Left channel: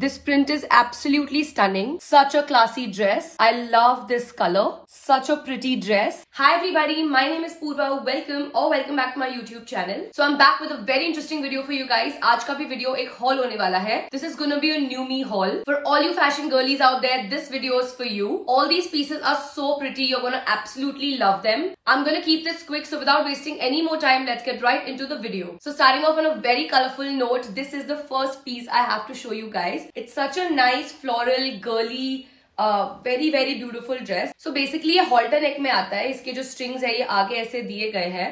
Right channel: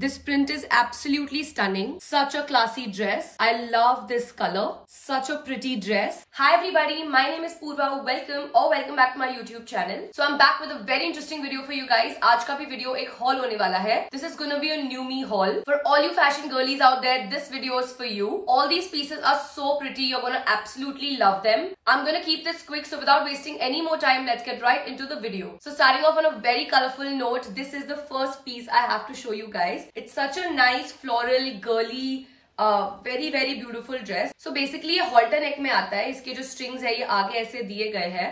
This print is absolutely stunning. Such a classy dress. I love this color. Such a pretty dress. Hi everybody, my name is Purva. Welcome back to my YouTube channel. So I'm back with a very interesting video for you guys. आज का भी video एक haul होने वाला है. This is gonna be a new me haul. For all you fashion girlies out there, this video is for you. All these pieces are so pretty. You're gonna absolutely love them. I'm gonna keep this quick, so without wasting any more time, let's get right into the video. So starting off on a very colorful note, this is the first piece I have to show you guys. It's such a nice floral girly very very beautiful dress. So basically ये halter neck में आता है. इसके जो strings है ये आगे ऐसे दिए गए हैं.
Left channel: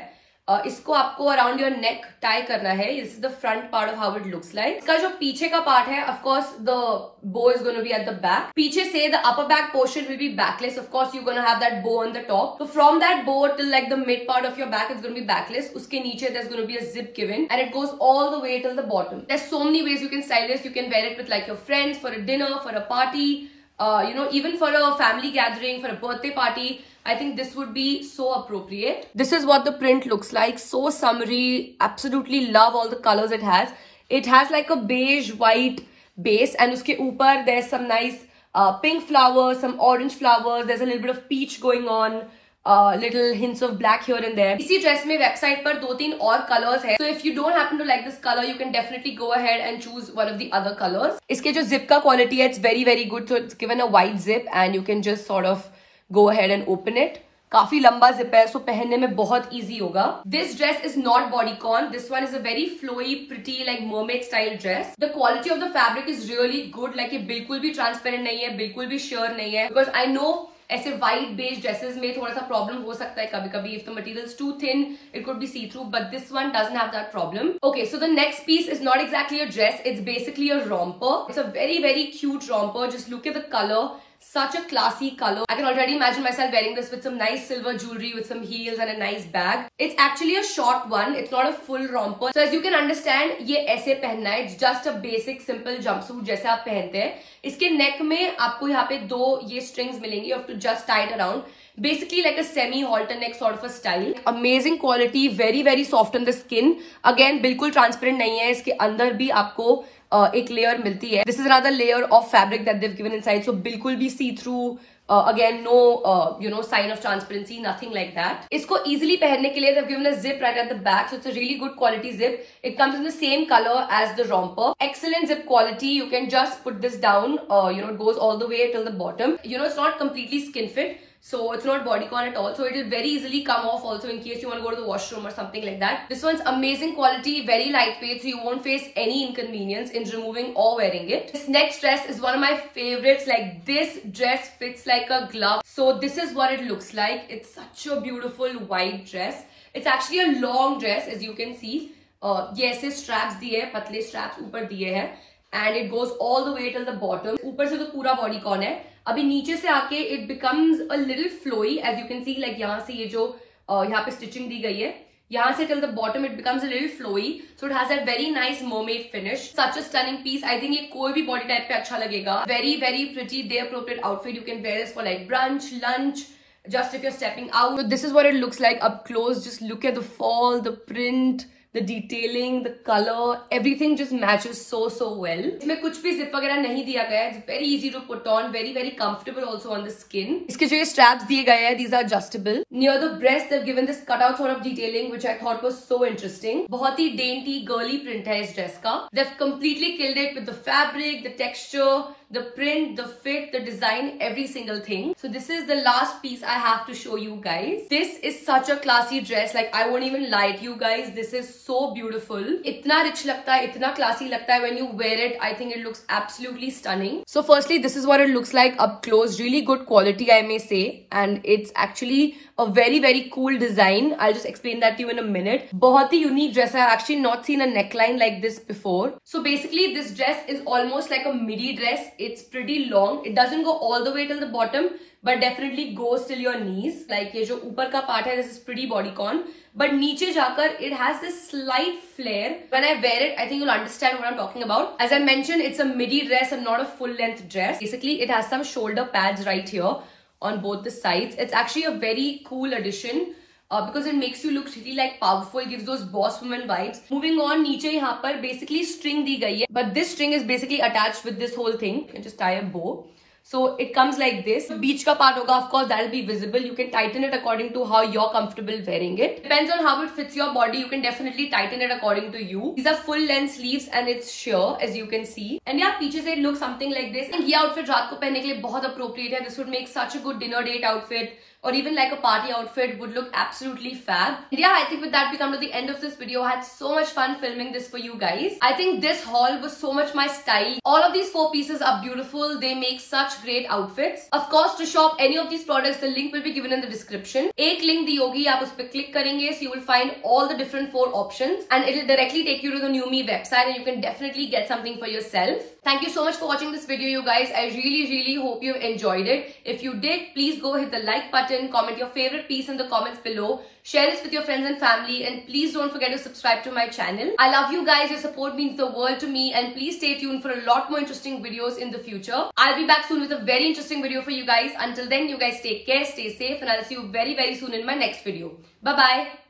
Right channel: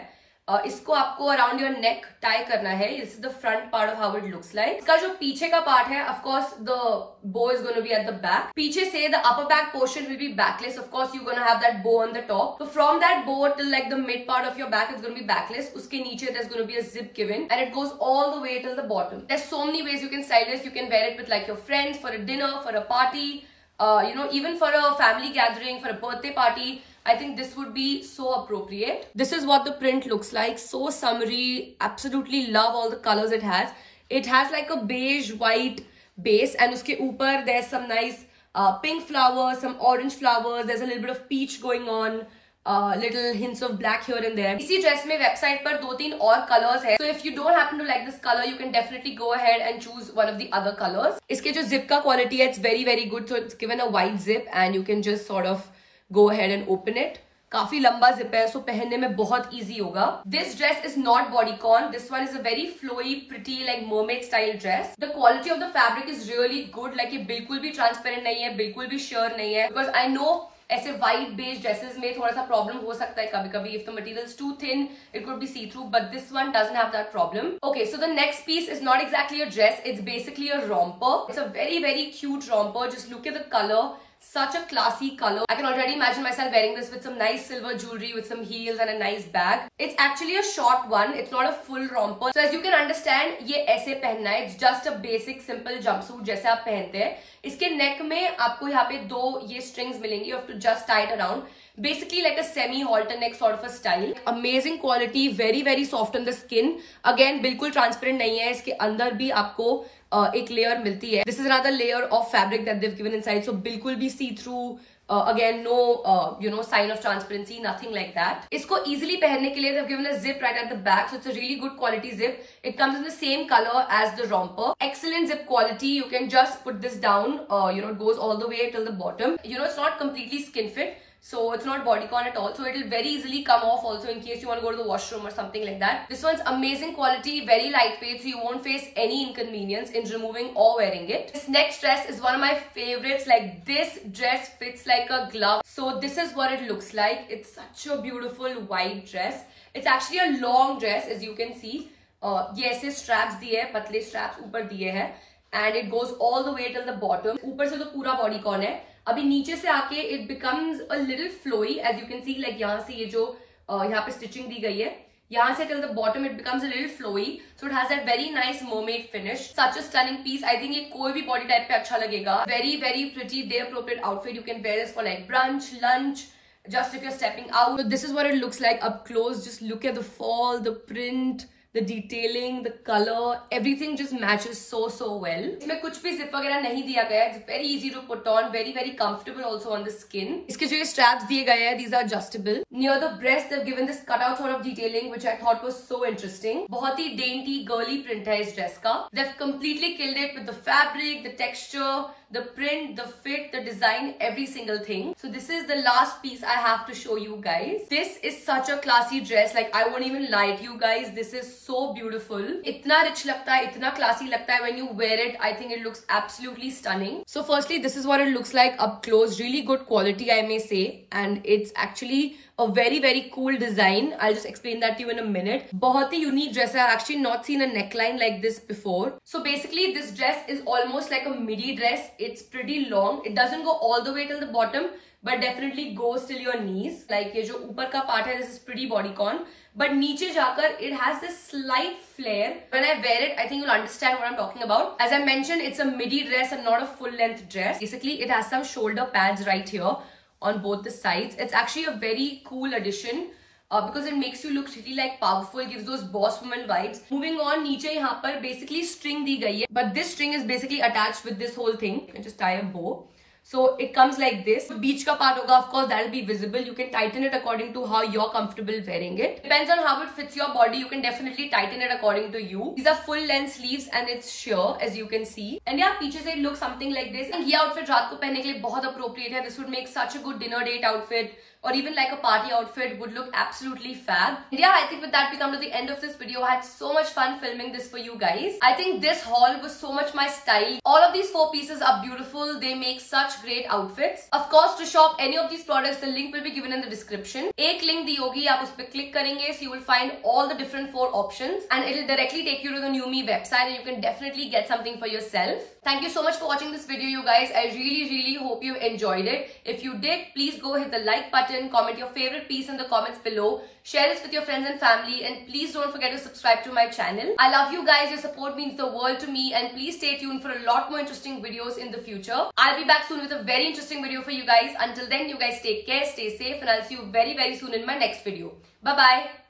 इसको आपको अराउंड योर नेक टाई करना है. This is the front part of how it looks like. इसका जो पीछे का पार्ट है, of course the bow is gonna be at the back. पीछे से the upper back portion will be backless. Of course you gonna have that bow on the top. So from that bow till like the mid part of your back, it's going to be backless. उसके नीचे there's going to be a zip given and it goes all the way till the bottom. There's so many ways you can style this. You can wear it with like your friends, for a dinner, for a party, even for a family gathering, for a birthday party. I think this would be so appropriate. This is what the print looks like. So summery. Absolutely love all the colors it has. It has like a beige white base and uske upar there's some nice pink flowers, some orange flowers. There's a little bit of peach going on. Little hints of black here and there. इसी dress में website पर 2-3 और colors है. So if you don't happen to like this color, you can definitely go ahead and choose one of the other colors. इसके जो zip का quality है, it's very very good. So it's given a wide zip and you can just sort of go ahead and open it. काफी लंबा zip है, सो पहनने में बहुत इजी होगा. This dress is not bodycon. This one is a very flowy, pretty like mermaid style dress. The quality of the fabric is really good. Like ये बिल्कुल भी transparent नहीं है, बिल्कुल भी sheer नहीं है. Because I know ऐसे white beige dresses में थोड़ा सा problem हो सकता है कभी-कभी. If the material is too thin, it could be see-through. But this one doesn't have that problem. Okay, so the next piece is not exactly a dress. It's basically a romper. It's a very very cute romper. Just look at the color. Such a classy color. I can already imagine myself wearing this with some nice silver jewelry, with some heels and a nice bag. It's actually a short one. It's not a full romper. So as you can understand, ये ऐसे पहनना है. It's just a basic simple jumpsuit जैसे आप पहनते हैं. इसके neck में आपको यहाँ पे 2 ये strings मिलेंगी. You have to just tie it around. Basically like a semi halter neck sort of a style. Amazing quality. Very very soft on the skin. Again बिल्कुल transparent नहीं है. इसके अंदर भी आपको एक लेयर मिलती है. This is another layer of fabric that they've given inside, so बिल्कुल भी see through. Again no sign of transparency, nothing like that. इसको easily पहनने के लिए they've given a zip right at the back, so it's a really good quality zip. It comes in the same color as the romper. Excellent zip quality. You can just put this down. It goes all the way till the bottom. It's not completely skin fit. So it's not bodycon at all. So it will very easily come off also in case you want to go to the washroom or something like that. This one's amazing quality, very lightweight, so you won't face any inconvenience in removing or wearing it. This next dress is one of my favorites. Like this dress fits like a glove. So this is what it looks like. It's such a beautiful white dress. It's actually a long dress as you can see. ये ऐसे straps दिए हैं, पतले straps ऊपर दिए हैं. And it goes all the way till the bottom. ऊपर से तो पूरा bodycon है. अभी नीचे से आके it becomes a little flowy as you can see. Like यहाँ से ये जो यहाँ पे stitching दी गई है, यहाँ से till the bottom it becomes a little flowy. So it has that very nice mermaid finish. Such a stunning piece. I think ये कोई भी body type पे अच्छा लगेगा. Very very pretty day appropriate outfit. You can wear this for like brunch, lunch, just if you're stepping out. So this is what it looks like up close. Just look at the fall, the print, the detailing, the color, everything just matches so well. इसमें कुछ भी zip वगैरह नहीं दिया गया है. It's very easy to put on, very very comfortable also on the skin. इसके जो ये straps दिए गए हैं, these are adjustable. Near the breast they've given this cutout sort of detailing which I thought was so interesting. बहुत ही dainty girly print है इस dress का. They've completely killed it with the fabric, the texture, the print, the fit, the design, every single thing. So this is the last piece I have to show you guys. This is such a classy dress. Like I won't even lie to you guys. This is so beautiful. इतना rich लगता है, इतना classy लगता है when you wear it. I think it looks absolutely stunning. So firstly, this is what it looks like up close. Really good quality, I may say, and it's actually a very very cool design. I'll just explain that to you in a minute. बहुत ही unique dress. I've actually not seen a neckline like this before. So basically, this dress is almost like a midi dress. It's pretty long. It doesn't go all the way till the bottom, but definitely goes till your knees. Like ये जो ऊपर का part है, this is pretty bodycon. But नीचे जाकर it has this slight flare. When I wear it, I think you'll understand what I'm talking about. As I mentioned, it's a midi dress and not a full length dress. Basically, it has some shoulder pads right here on both the sides. It's actually a very cool addition. because it makes you look really like powerful, gives those boss woman vibes. Moving on, नीचे यहाँ पर basically string दी गई है, but this string is basically attached with this whole thing. You can just tie a bow. So it comes like this. Beach का part होगा, of course that will be visible. You can tighten it according to how you're comfortable wearing it. Depends on how it fits your body. You can definitely tighten it according to you. These are full length sleeves and it's sheer as you can see. And yeah, पीछे से it looks something like this. ये outfit रात को पहनने के लिए बहुत appropriate है. This would make such a good dinner date outfit. Or even like a party outfit, would look absolutely fab. Yeah, I think with that we come to the end of this video. I had so much fun filming this for you guys. I think this haul was so much my style. All of these 4 pieces are beautiful. They make such great outfits. Of course, to shop any of these products, the link will be given in the description. एक link दी होगी, आप उस पे click करेंगे, so you will find all the different 4 options, and it will directly take you to the New Me website, and you can definitely get something for yourself. Thank you so much for watching this video, you guys. I really hope you've enjoyed it. If you did, please go hit the like button. Comment your favorite piece in the comments below. Share this with your friends and family, and please don't forget to subscribe to my channel. I love you guys. Your support means the world to me, and please stay tuned for a lot more interesting videos in the future. I'll be back soon with a very interesting video for you guys. Until then, you guys take care, stay safe, and I'll see you very soon in my next video. Bye bye.